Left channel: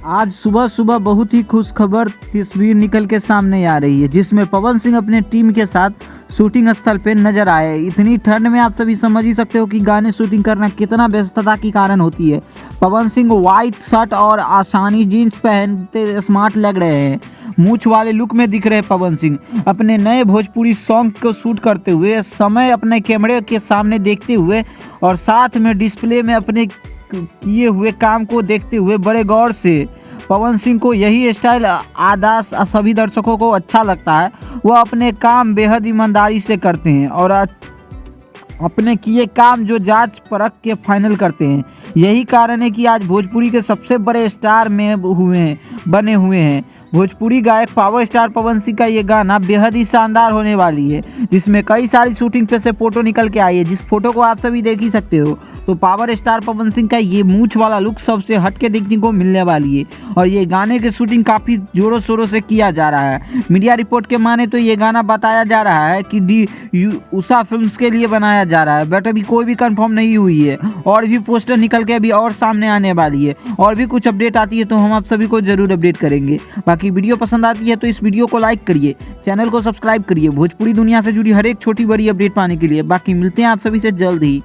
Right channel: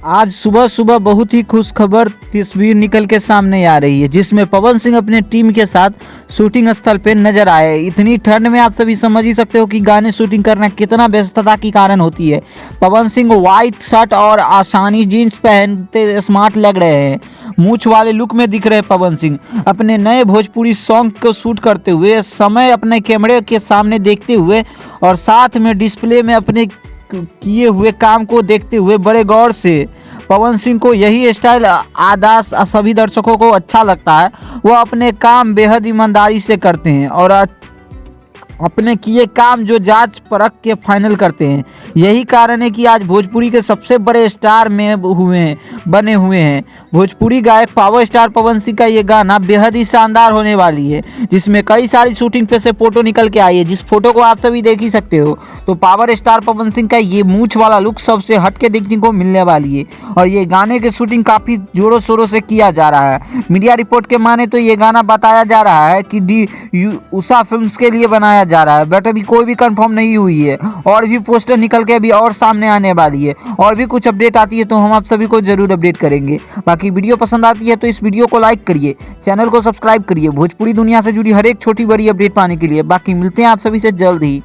आज सुबह सुबह बहुत ही खुश खबर तस्वीर निकल के सामने आ रही है, जिसमें पवन सिंह अपने टीम के साथ शूटिंग स्थल पे नजर आए। इतनी ठंड में आप सभी समझ ही सकते हो कि गाने शूटिंग करना कितना व्यस्तता की कारण होती है। पवन सिंह व्हाइट शर्ट और आसानी जीन्स पहनते स्मार्ट लग रहे हैं। मूछ वाले लुक में दिख रहे पवन सिंह अपने नए भोजपुरी सॉन्ग को शूट करते हुए समय अपने कैमरे के सामने देखते हुए और साथ में डिस्प्ले में अपने किए हुए काम को देखते हुए बड़े गौर से। पवन सिंह को यही स्टाइल आदा सभी दर्शकों को अच्छा लगता है। वह अपने काम बेहद ईमानदारी से करते हैं और अपने किए काम जो जांच परख के फाइनल करते हैं। यही कारण है कि आज भोजपुरी के सबसे बड़े स्टार में बने हुए हैं। भोजपुरी गायक पावर स्टार पवन सिंह का ये गाना बेहद ही शानदार होने वाली है, जिसमें कई सारी शूटिंग पे से फोटो निकल के आई है, जिस फोटो को आप सभी देख ही सकते हो। तो पावर स्टार पवन सिंह का ये मूछ वाला लुक सबसे हट के देखने को मिलने वाली है और ये गाने की शूटिंग काफ़ी जोरों शोरों से किया जा रहा है। मीडिया रिपोर्ट के माने तो ये गाना बताया जा रहा है कि उषा फिल्म्स के लिए बनाया जा रहा है, बट अभी कोई भी कंफर्म नहीं हुई है। और भी पोस्टर निकल के अभी और सामने आने वाली है, और भी कुछ अपडेट आती है तो हम आप सभी को जरूर अपडेट करेंगे। बाकी वीडियो पसंद आती है तो इस वीडियो को लाइक करिए, चैनल को सब्सक्राइब करिए भोजपुरी दुनिया से जुड़ी हर एक छोटी बड़ी अपडेट पाने के लिए। बाकी मिलते हैं आप सभी से जल्द ही।